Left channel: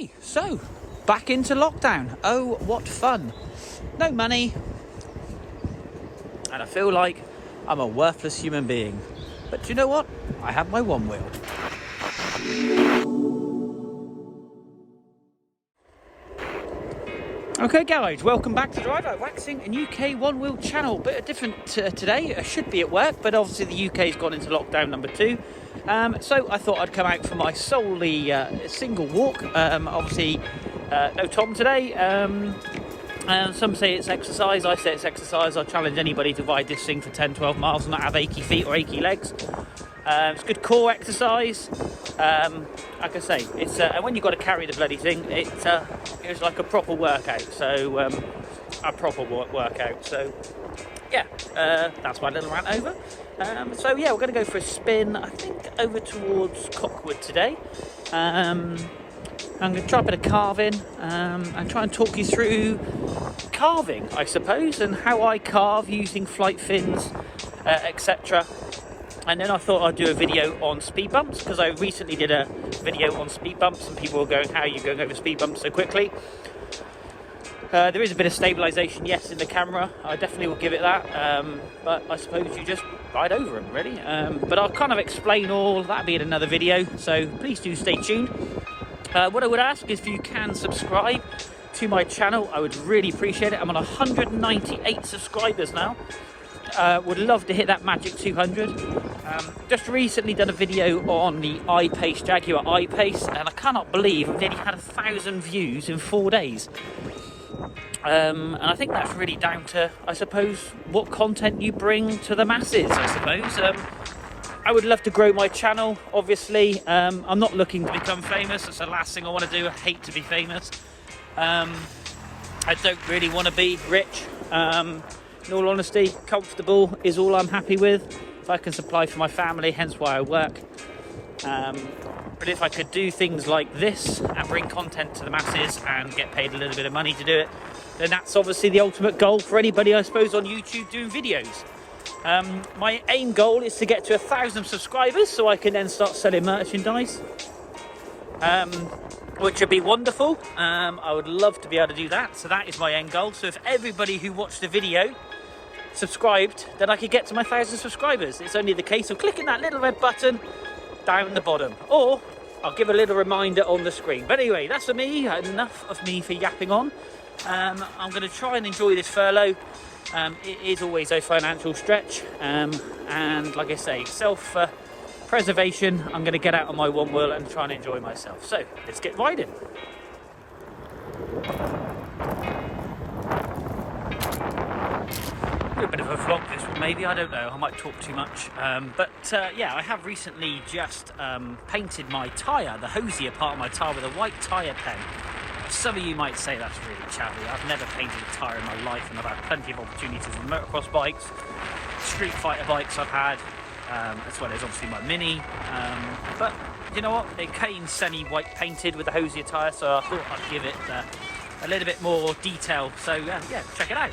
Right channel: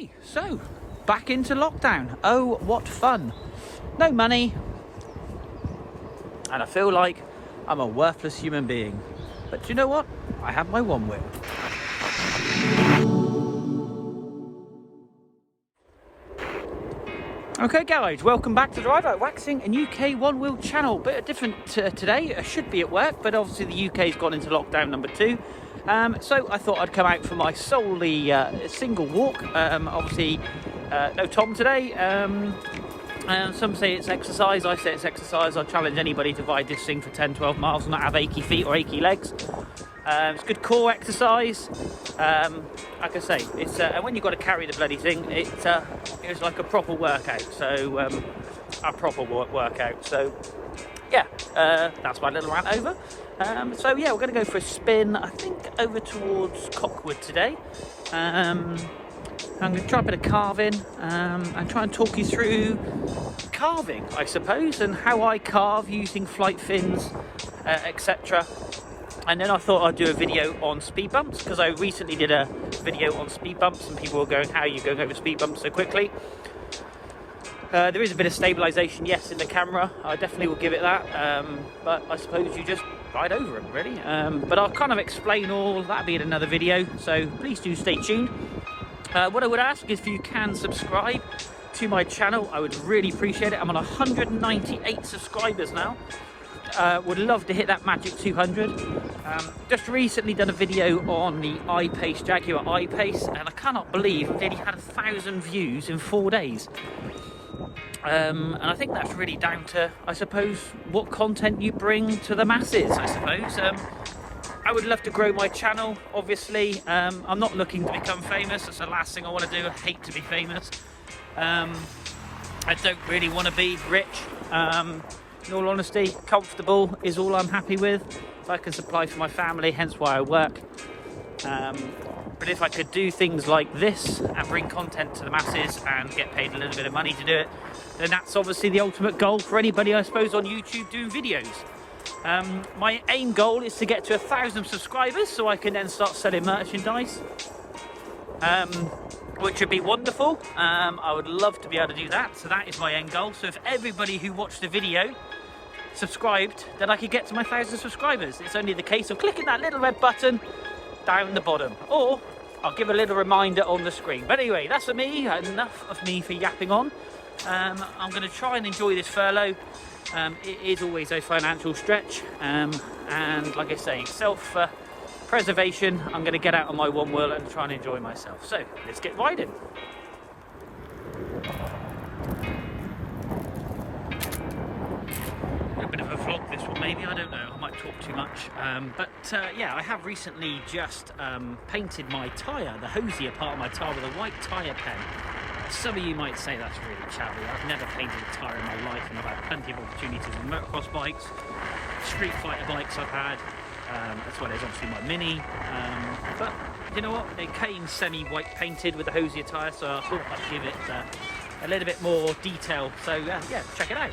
Okay, so back into lockdown. Oh, what fun. No money. And I feel like I'm a worthless human being. But do you know what? I have my OneWheel. Okay guys, welcome back to the Ride Waxing and UK OneWheel channel. Bit different today. I should be at work, but obviously the UK's gone into lockdown number 2. So I thought I'd come out for my solely single walk. Obviously, no Tom today. Some say it's exercise, I say it's exercise. I challenge anybody to ride this thing for 10-12 miles and not have achy feet or achy legs. It's good core exercise. Like I say, it's and when you've got to carry the bloody thing, it's like a proper workout. So a proper workout. So yeah, that's my little rant over. So yeah, we're going to go for a spin, I think, over towards Cockwood today. I'm going to try a bit of carving and try and talk you through carving, I suppose, and how I carve using flight fins, etc. And then I thought I'd do a video on speed bumps, because I recently did a video on speed bumps and people were going, how are you going over speed bumps so quickly? There is a bit of stabilisation, yes, in the camera. I definitely will give it that. But I suppose you just ride over them, really. But I'll kind of explain all, that'll be in another video. So please do stay tuned. What I would ask is if you can subscribe to my channel. I would really appreciate it. I'm on 198 subscribers now. Would love to hit that magic 200. Just recently done a video on the I-Pace, Jaguar I-Pace, and I cannot believe I've nearly had 1,000 views in 4 days. And I think that's really down to, I suppose, what content you bring to the masses, I suppose. I would love to grow my channel, obviously. I'm not looking to become famous. That's the last thing I want to do. I hate to be famous. I don't really want to be rich. In all honesty, comfortable is all I'm happy with. If I can supply for my family, hence why I work. But if I could do things like this and bring content to the masses and get paid a little bit of money to do it, then that's obviously the ultimate goal for anybody, I suppose, on YouTube doing videos. My aim goal is to get to 1,000 subscribers so I can then start selling merchandise, which would be wonderful. I would love to be able to do that, so that is my end goal. So if everybody who watched the video subscribed, then I could get to my 1,000 subscribers. It's only the case of clicking that little red button down the bottom, or I'll give a little reminder on the screen. But anyway, that's for me. Enough of me for yapping on. I'm going to try and enjoy this furlough. It is always a financial stretch, and like I say, self-preservation. I'm going to get out on my OneWheel and try and enjoy myself. So let's get riding. A bit of a vlog this one, maybe, I don't know, I might talk too much. Yeah, I have recently just painted my tyre, the hosier part of my tyre, with a white tyre pen. Some of you might say that's really chavvy. I've never painted a tyre in my life, and I've had plenty of opportunities on motocross bikes, street fighter bikes I've had, as well as obviously my Mini. But you know what, it came semi-white painted with the hosier tyre, so I thought I'd give it a little bit more detail. So yeah, check it out.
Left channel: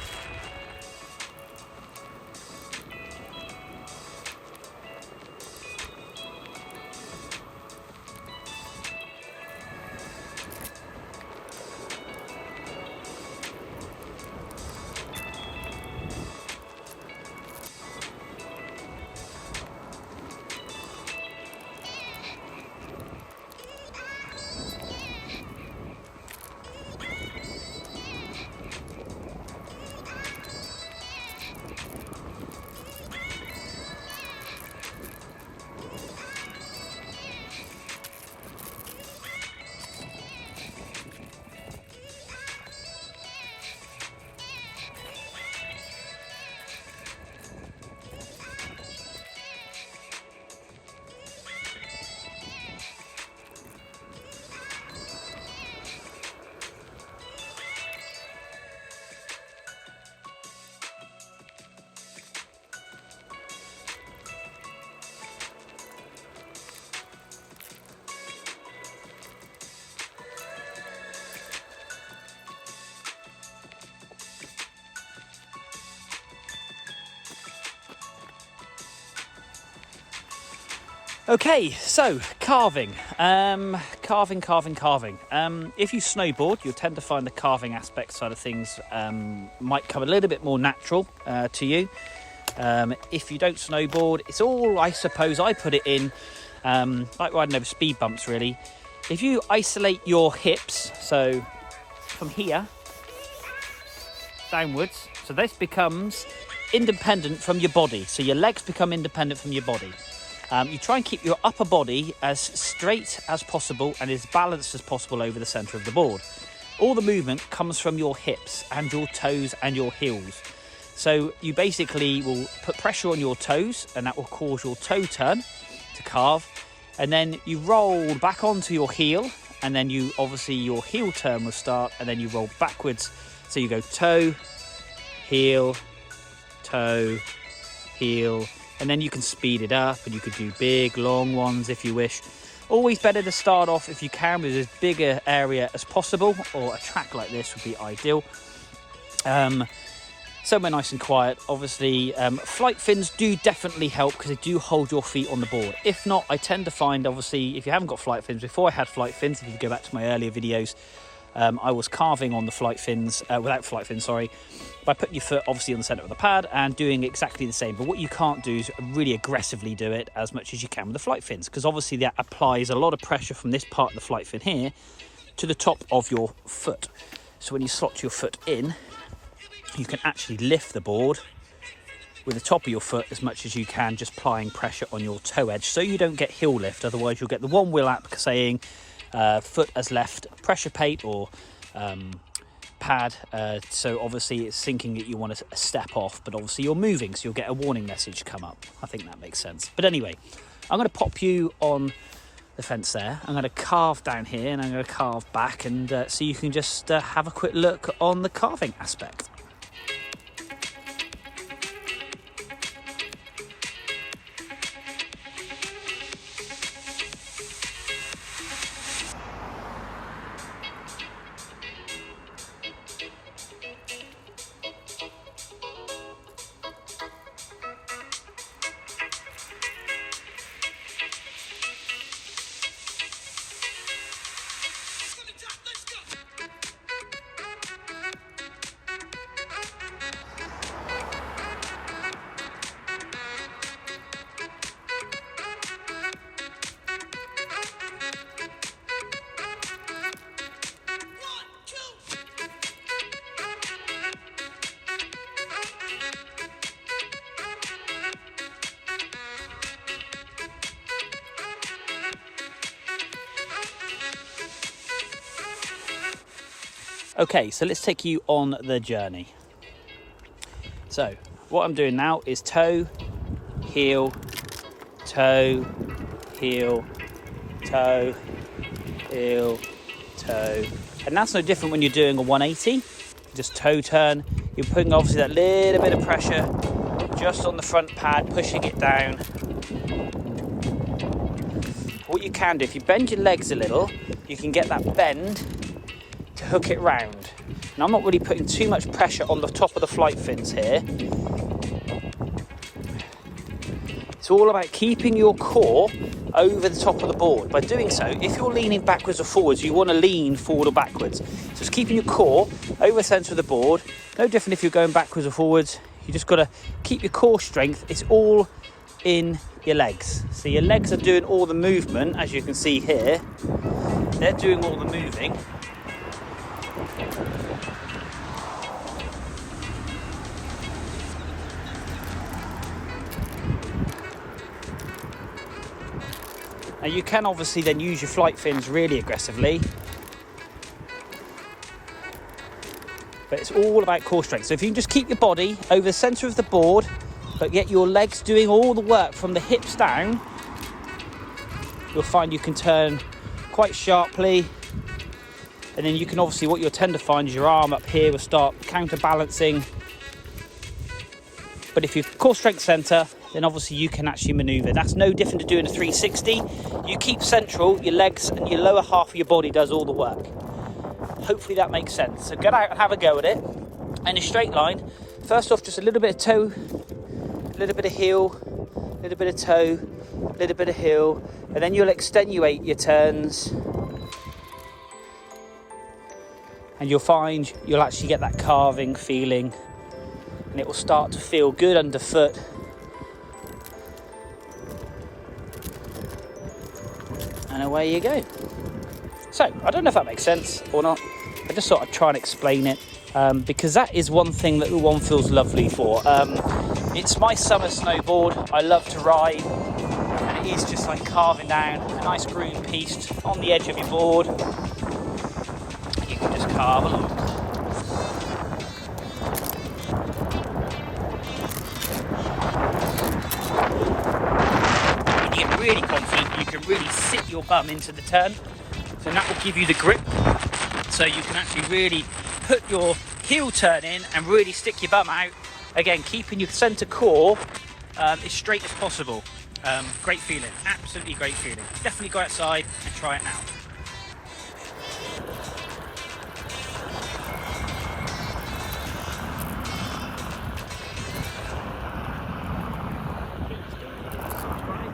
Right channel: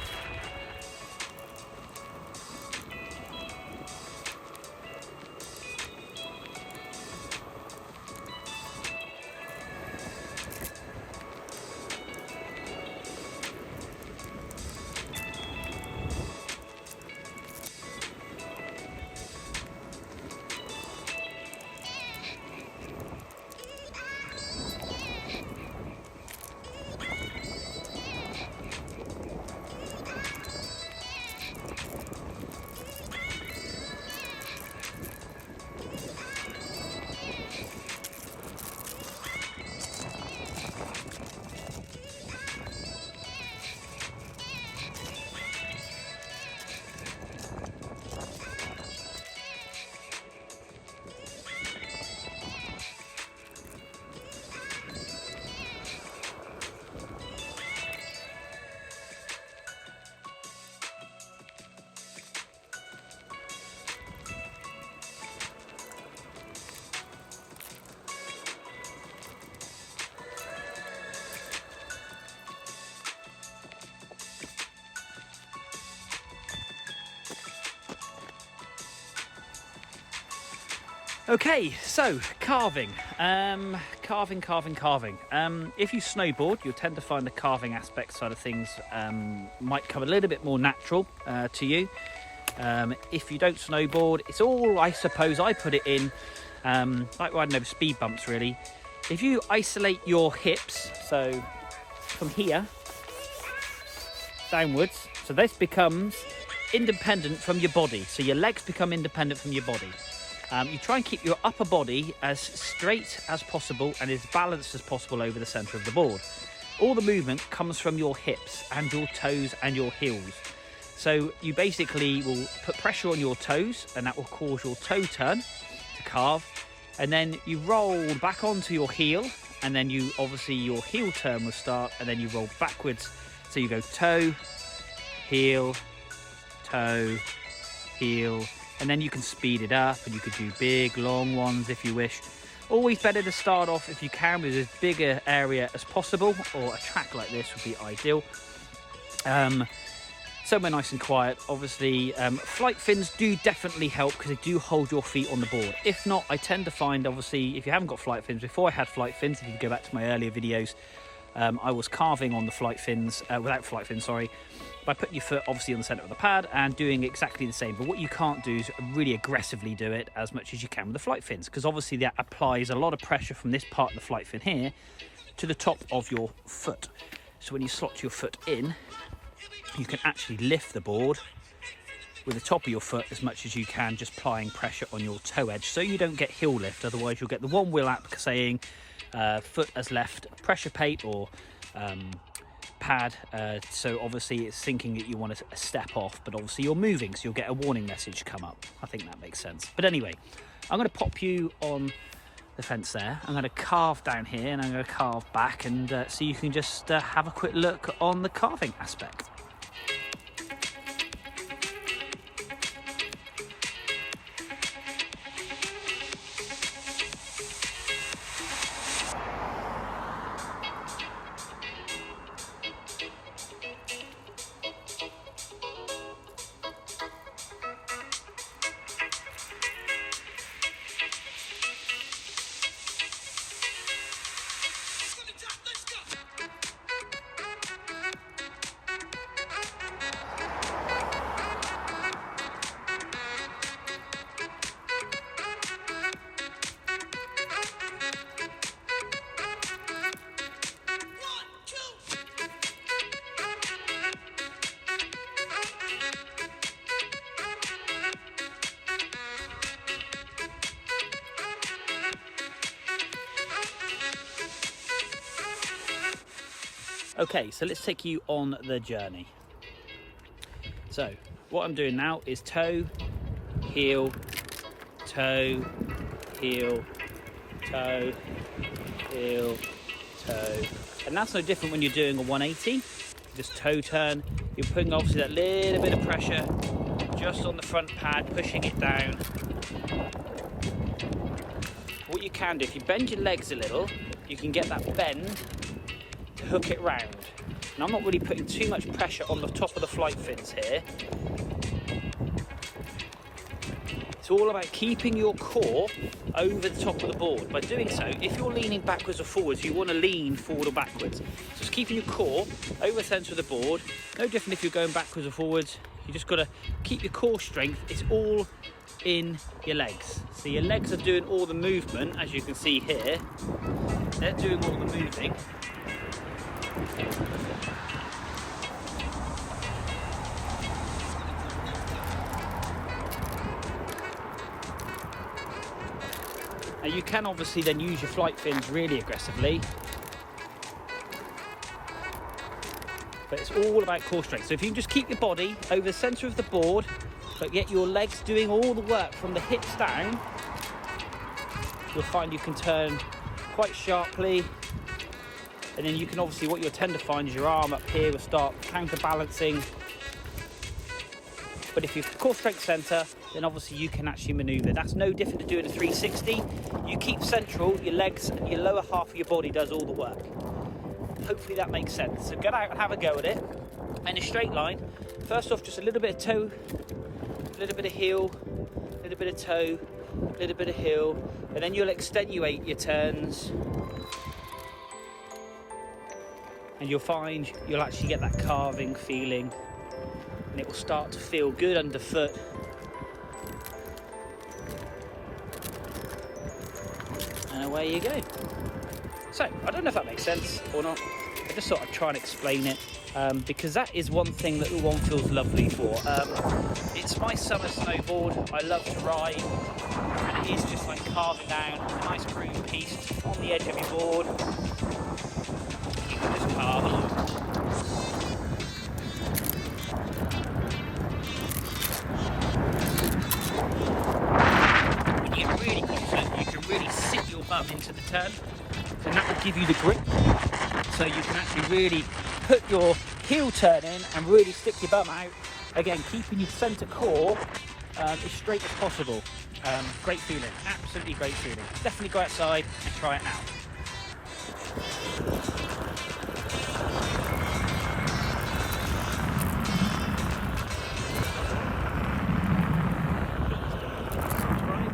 Okay, so carving. carving. If you snowboard, you'll tend to find the carving aspect side of things might come a little bit more natural to you. If you don't snowboard, it's all, I suppose, I put it in like riding over speed bumps really. If you isolate your hips, so from here downwards, so this becomes independent from your body, so your legs become independent from your body. You try and keep your upper body as straight as possible and as balanced as possible over the centre of the board. All the movement comes from your hips and your toes and your heels. So you basically will put pressure on your toes and that will cause your toe turn to carve. And then you roll back onto your heel, and then you obviously your heel turn will start, and then you roll backwards. So you go toe, heel, toe, heel, and then you can speed it up and you could do big long ones if you wish. Always better to start off, if you can, with as big an area as possible, or a track like this would be ideal. Somewhere nice and quiet. Obviously flight fins do definitely help because they do hold your feet on the board. If not, I tend to find, obviously, if you haven't got flight fins, before I had flight fins, if you go back to my earlier videos, I was carving on the flight fins, without flight fins, sorry, by putting your foot obviously on the centre of the pad and doing exactly the same. But what you can't do is really aggressively do it as much as you can with the flight fins, because obviously that applies a lot of pressure from this part of the flight fin here to the top of your foot. So when you slot your foot in, you can actually lift the board with the top of your foot as much as you can, just applying pressure on your toe edge so you don't get heel lift. Otherwise you'll get the OneWheel app saying foot has left pressure plate or pad, so obviously it's thinking that you want to step off, but obviously you're moving, so you'll get a warning message come up. I think that makes sense. But anyway, I'm going to pop you on the fence there. I'm going to carve down here and I'm going to carve back, and so you can just have a quick look on the carving aspect. Okay, so let's take you on the journey. So what I'm doing now is toe, heel, toe, heel, toe, heel, toe. And that's no different when you're doing a 180. Just toe turn. You're putting obviously that little bit of pressure just on the front pad, pushing it down. What you can do, if you bend your legs a little, you can get that bend to hook it round. Now I'm not really putting too much pressure on the top of the flight fins here. It's all about keeping your core over the top of the board. By doing so, if you're leaning backwards or forwards, you want to lean forward or backwards. So it's keeping your core over the centre of the board. No different if you're going backwards or forwards. You just got to keep your core strength. It's all in your legs. So your legs are doing all the movement, as you can see here. They're doing all the moving. Now you can obviously then use your flight fins really aggressively, but it's all about core strength. So if you can just keep your body over the centre of the board, but get your legs doing all the work from the hips down, you'll find you can turn quite sharply. And then you can obviously, what you'll tend to find is your arm up here will start counterbalancing. But if you're core strength centre, then obviously you can actually manoeuvre. That's no different to doing a 360. You keep central, your legs and your lower half of your body does all the work. Hopefully that makes sense. So get out and have a go at it. And a straight line, first off, just a little bit of toe, a little bit of heel, a little bit of toe, a little bit of heel, and then you'll extenuate your turns and you'll find you'll actually get that carving feeling, and it will start to feel good underfoot. And away you go. So, I don't know if that makes sense or not. I just thought I'd try and explain it, because that is one thing that the OneWheel's lovely for. It's my summer snowboard. I love to ride, and it is just like carving down a nice groove piece on the edge of your board. You can just carve along. When you get really confident, you can really sit your bum into the turn, and that will give you the grip, so you can actually really put your heel turn in and really stick your bum out. Again, keeping your centre core as straight as possible. Great feeling, absolutely great feeling. Definitely go outside and try it out. Please don't forget to subscribe.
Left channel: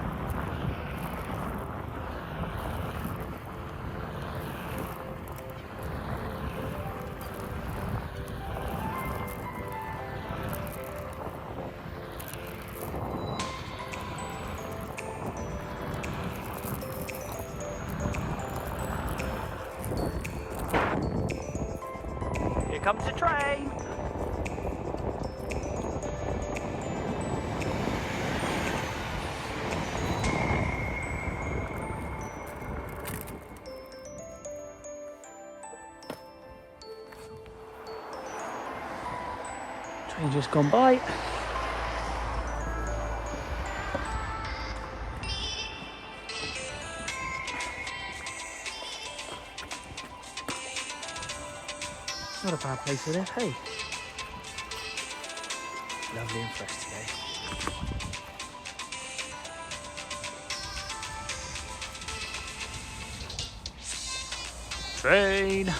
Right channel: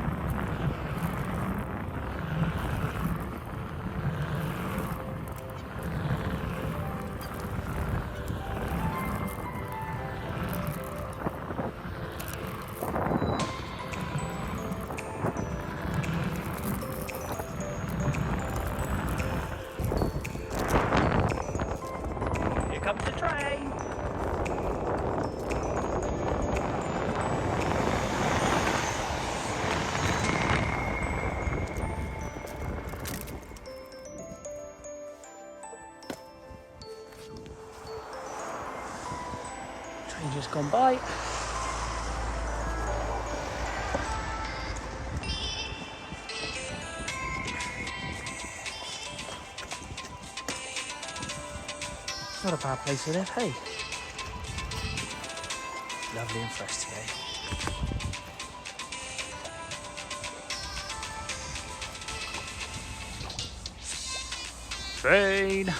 Here comes the train. Train's just gone by. Not a bad place to live, hey. Lovely and fresh today. Train.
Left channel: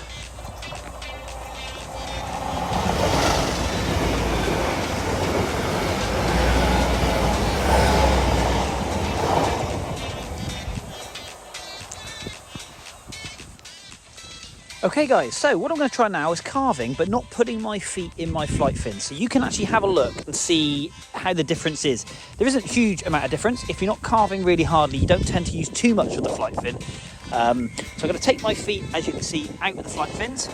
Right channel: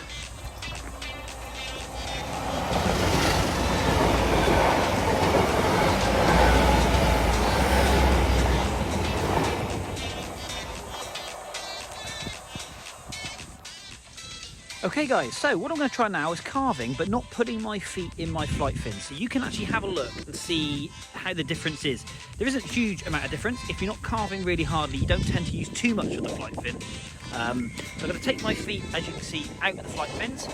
Okay guys, so what I'm going to try now is carving, but not putting my feet in my flight fin. So you can actually have a look and see how the difference is. There isn't a huge amount of difference. If you're not carving really hardly, you don't tend to use too much of the flight fin. So I'm going to take my feet, as you can see, out of the flight fins.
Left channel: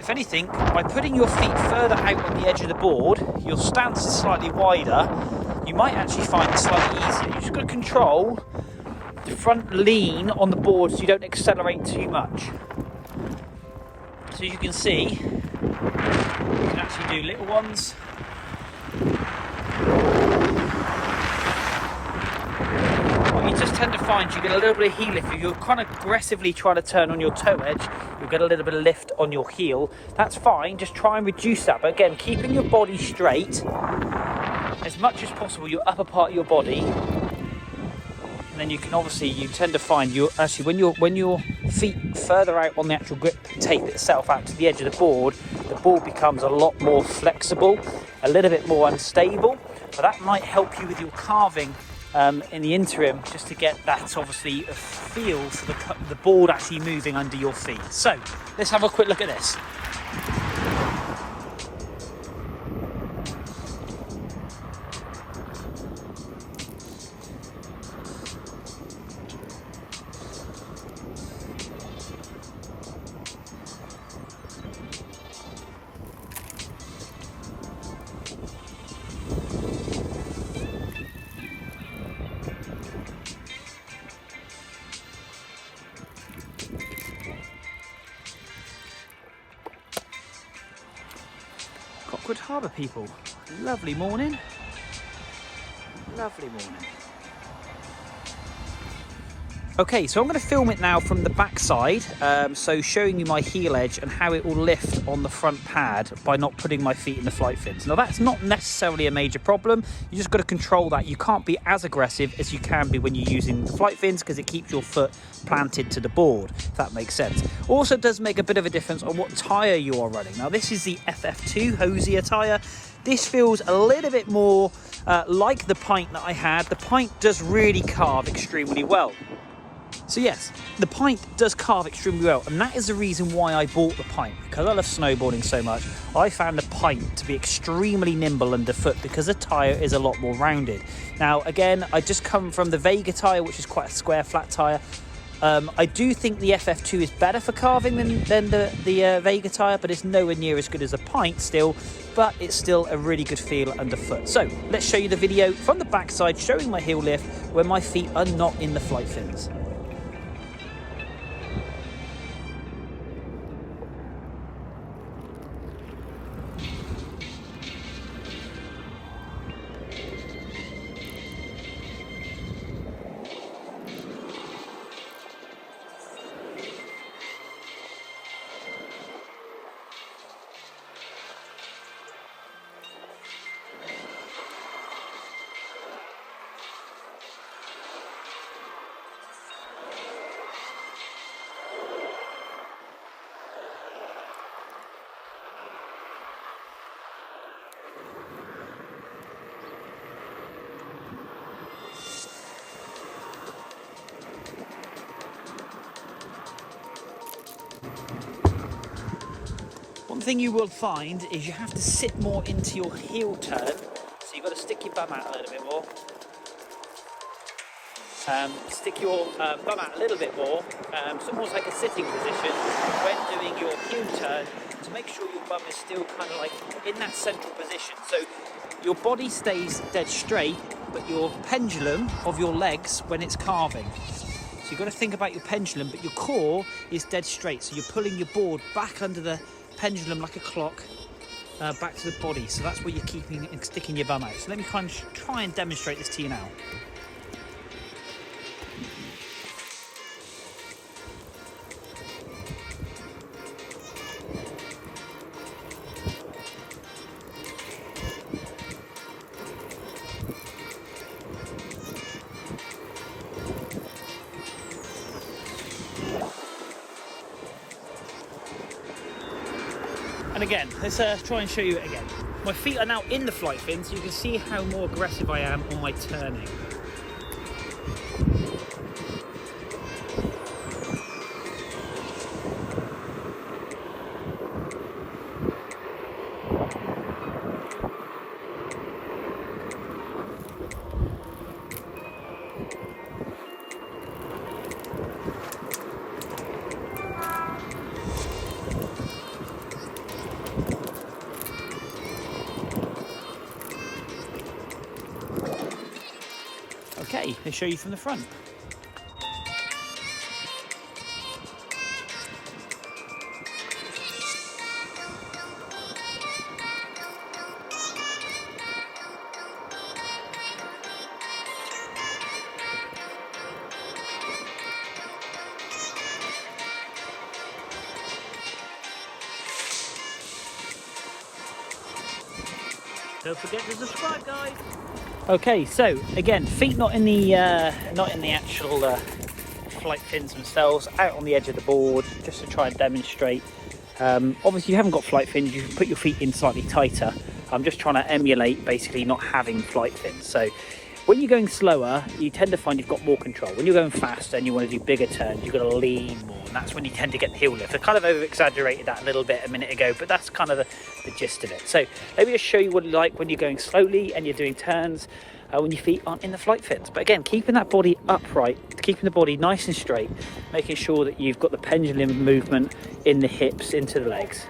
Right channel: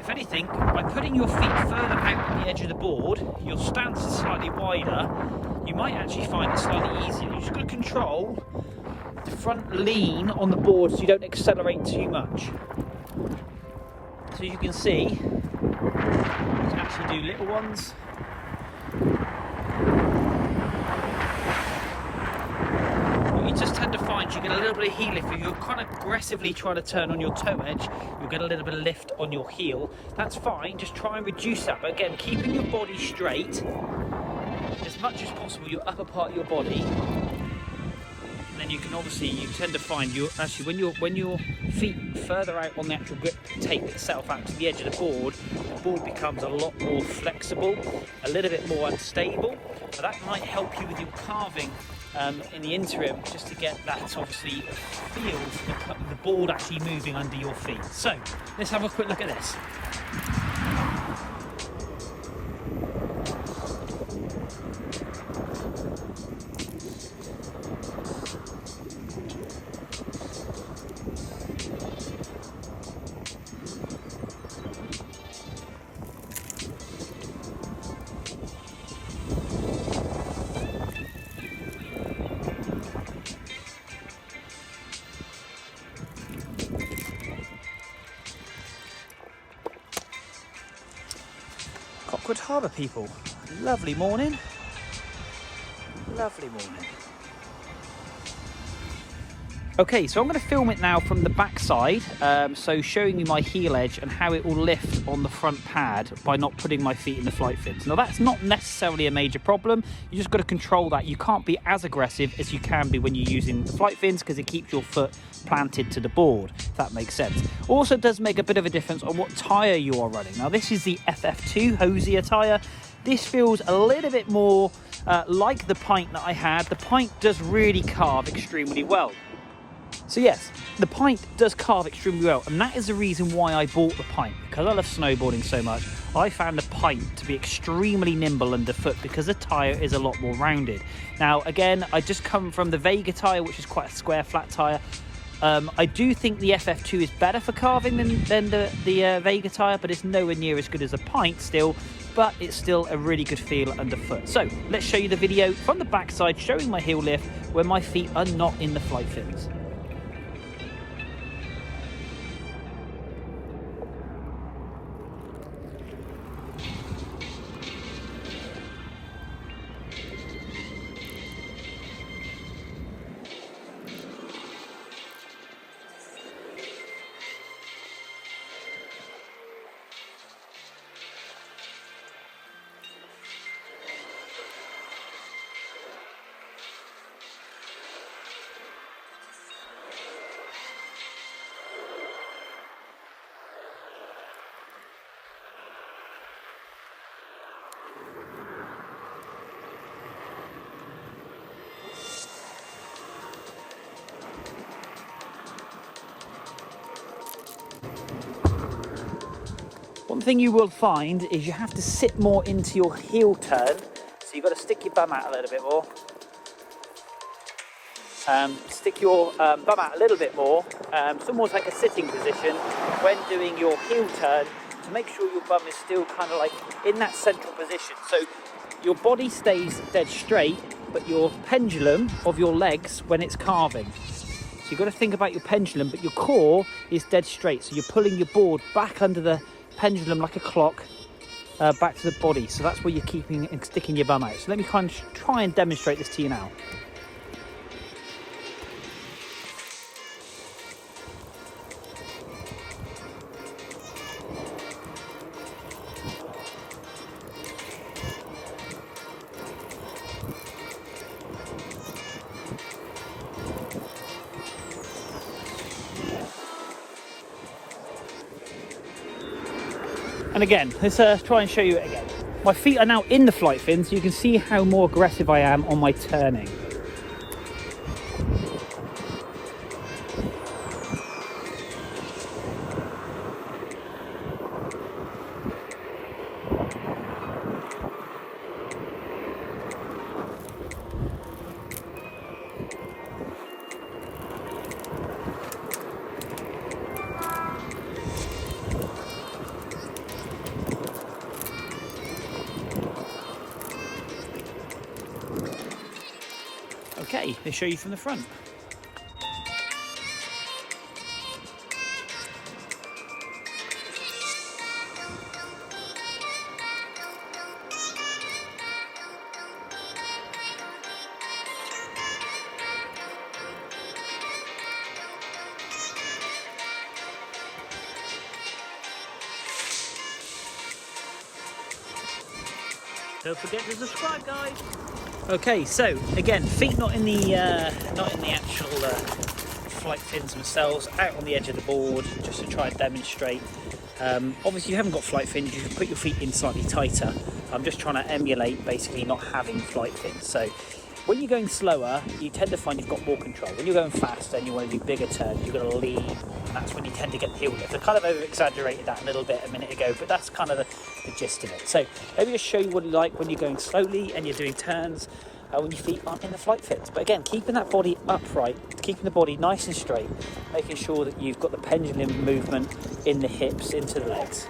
If anything, by putting your feet further out on the edge of the board, your stance is slightly wider. You might actually find it slightly easier. You just got to control the front lean on the board so you don't accelerate too much. So you can see, you can actually do little ones. What you just tend to find, you get a little bit of heel lift. If you're kind of aggressively trying to turn on your toe edge, you'll get a little bit of lift on your heel. That's fine, just try and reduce that. But again, keeping your body straight, as much as possible, your upper part of your body. And then you can obviously, you tend to find you actually when your feet further out on the actual grip tape itself out to the edge of the board becomes a lot more flexible, a little bit more unstable. So that might help you with your carving in the interim, just to get that obviously feel for the board actually moving under your feet. So let's have a quick look at this. Cockwood Harbour people, lovely morning, lovely morning. Okay, so I'm going to film it now from the back side, so showing you my heel edge and how it will lift on the front pad by not putting my feet in the flight fins. Now that's not necessarily a major problem, you just got to control that. You can't be as aggressive as you can be when you're using the flight fins, because it keeps your foot planted to the board, if that makes sense. Also does make a bit of a difference on what tyre you are running. Now this is the FF2 hosier tyre. This feels a little bit more like the Pint that I had. The Pint does really carve extremely well. So yes, the pint does carve extremely well, and that is the reason why I bought the pint, because I love snowboarding so much. I found the pint to be extremely nimble underfoot because the tyre is a lot more rounded. Now again, I just come from the Vega tyre, which is quite a square flat tyre. I do think the FF2 is better for carving than the Vega tyre, but it's nowhere near as good as a pint still, but it's still a really good feel underfoot. So let's show you the video from the backside showing my heel lift where my feet are not in the flight fins. One thing you will find is you have to sit more into your heel turn, so you've got to stick your bum out a little bit more. Stick your bum out a little bit more. It's almost like a sitting position when doing your heel turn to make sure your bum is still kind of like in that central position. So your body stays dead straight, but your pendulum of your legs when it's carving. So you've got to think about your pendulum, but your core is dead straight. So you're pulling your board back under the pendulum like a clock back to the body. So that's where you're keeping and sticking your bum out. So let me kind of try and demonstrate this to you now. And again, let's try and show you it again. My feet are now in the flight fin, so you can see how more aggressive I am on my turning. Okay, let's show you from the front. Don't forget to subscribe, guys. Okay, so again, feet not in the actual flight fins themselves, out on the edge of the board, just to try and demonstrate. Obviously, you haven't got flight fins; you can put your feet in slightly tighter. I'm just trying to emulate basically not having flight fins. So when you're going slower, you tend to find you've got more control. When you're going faster and you want to do bigger turns, you've got to lean more, and that's when you tend to get the heel lift. I kind of over-exaggerated that a little bit a minute ago, but that's kind of the gist of it. So let me just show you what it's like when you're going slowly and you're doing turns when your feet aren't in the flight fins. But again, keeping that body upright, keeping the body nice and straight, making sure that you've got the pendulum movement in the hips into the legs.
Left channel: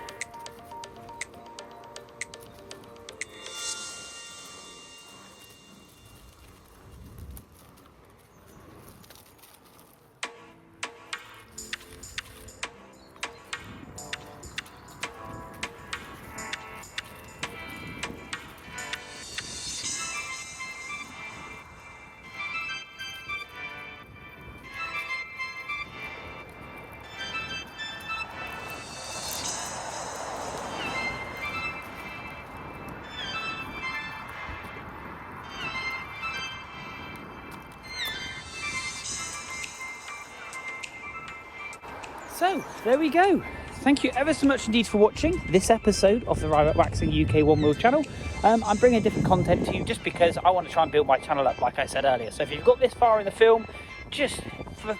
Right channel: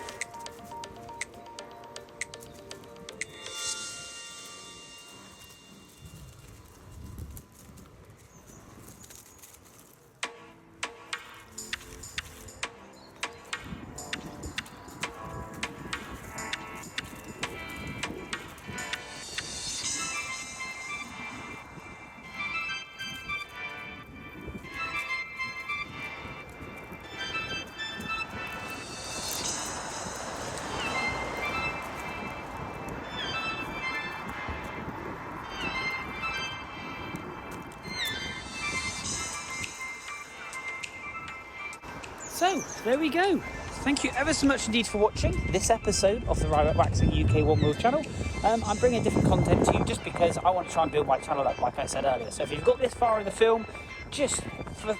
So there we go. Thank you ever so much indeed for watching this episode of the Ride Waxing UK OneWheel channel. I'm bringing different content to you just because I want to try and build my channel up, like I said earlier. So if you've got this far in the film, just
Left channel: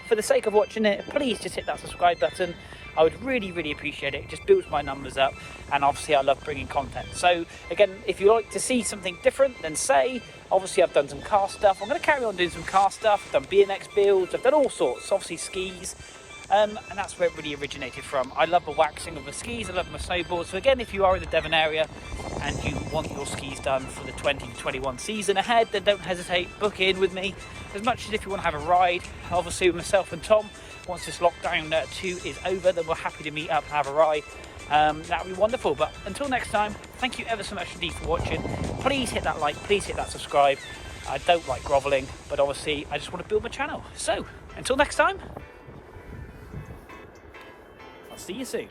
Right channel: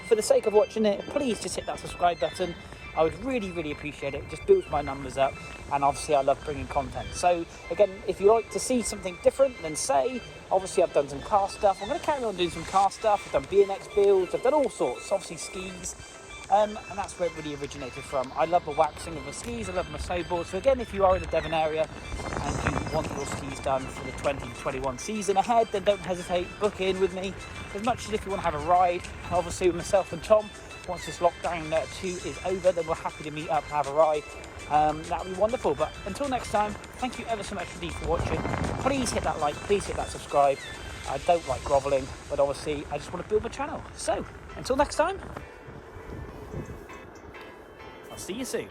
for the sake of watching it, please just hit that subscribe button. I would really appreciate it. It just builds my numbers up, and obviously I love bringing content. So again, if you like to see something different, then say. Obviously I've done some car stuff. I'm going to carry on doing some car stuff. I've done BMX builds, I've done all sorts, obviously skis. And that's where it really originated from. I love the waxing of the skis, I love my snowboard. So again, if you are in the Devon area and you want your skis done for the 2021 season ahead, then don't hesitate, book in with me. As much as if you want to have a ride, obviously with myself and Tom, once this lockdown 2 is over, then we're happy to meet up and have a ride. That would be wonderful. But until next time, thank you ever so much indeed for watching. Please hit that like, please hit that subscribe. I don't like grovelling, but obviously I just want to build my channel. So until next time, I'll see you soon.